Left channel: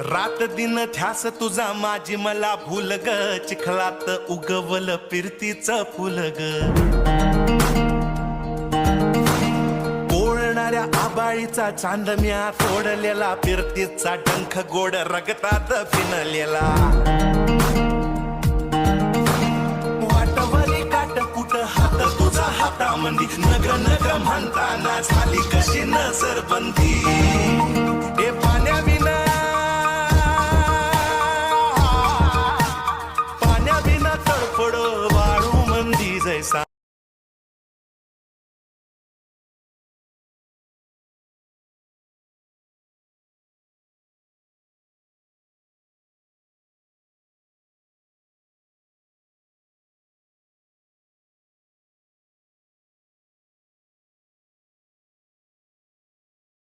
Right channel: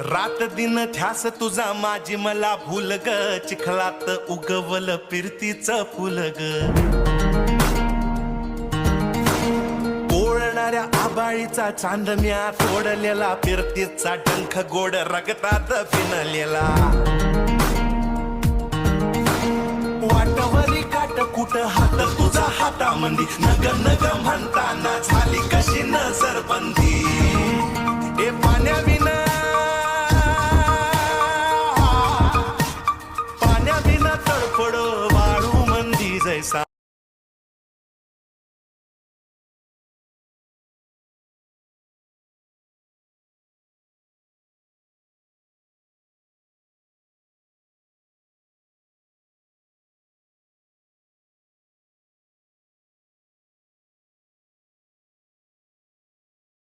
रात दिन ध्यास तुझा माझी मला भूल ग, चिखलात उगवल फिरतीच फुल ग. ओळणाऱ्या आबाळीचा चांदम्या तोडलेला, फिरतीचा डंख गोड रगतात फिनलेला. वाटवरी काट कुट हात तुझा हातामंदी, नग नग म्हणताना झाली कशी नजरबंदी.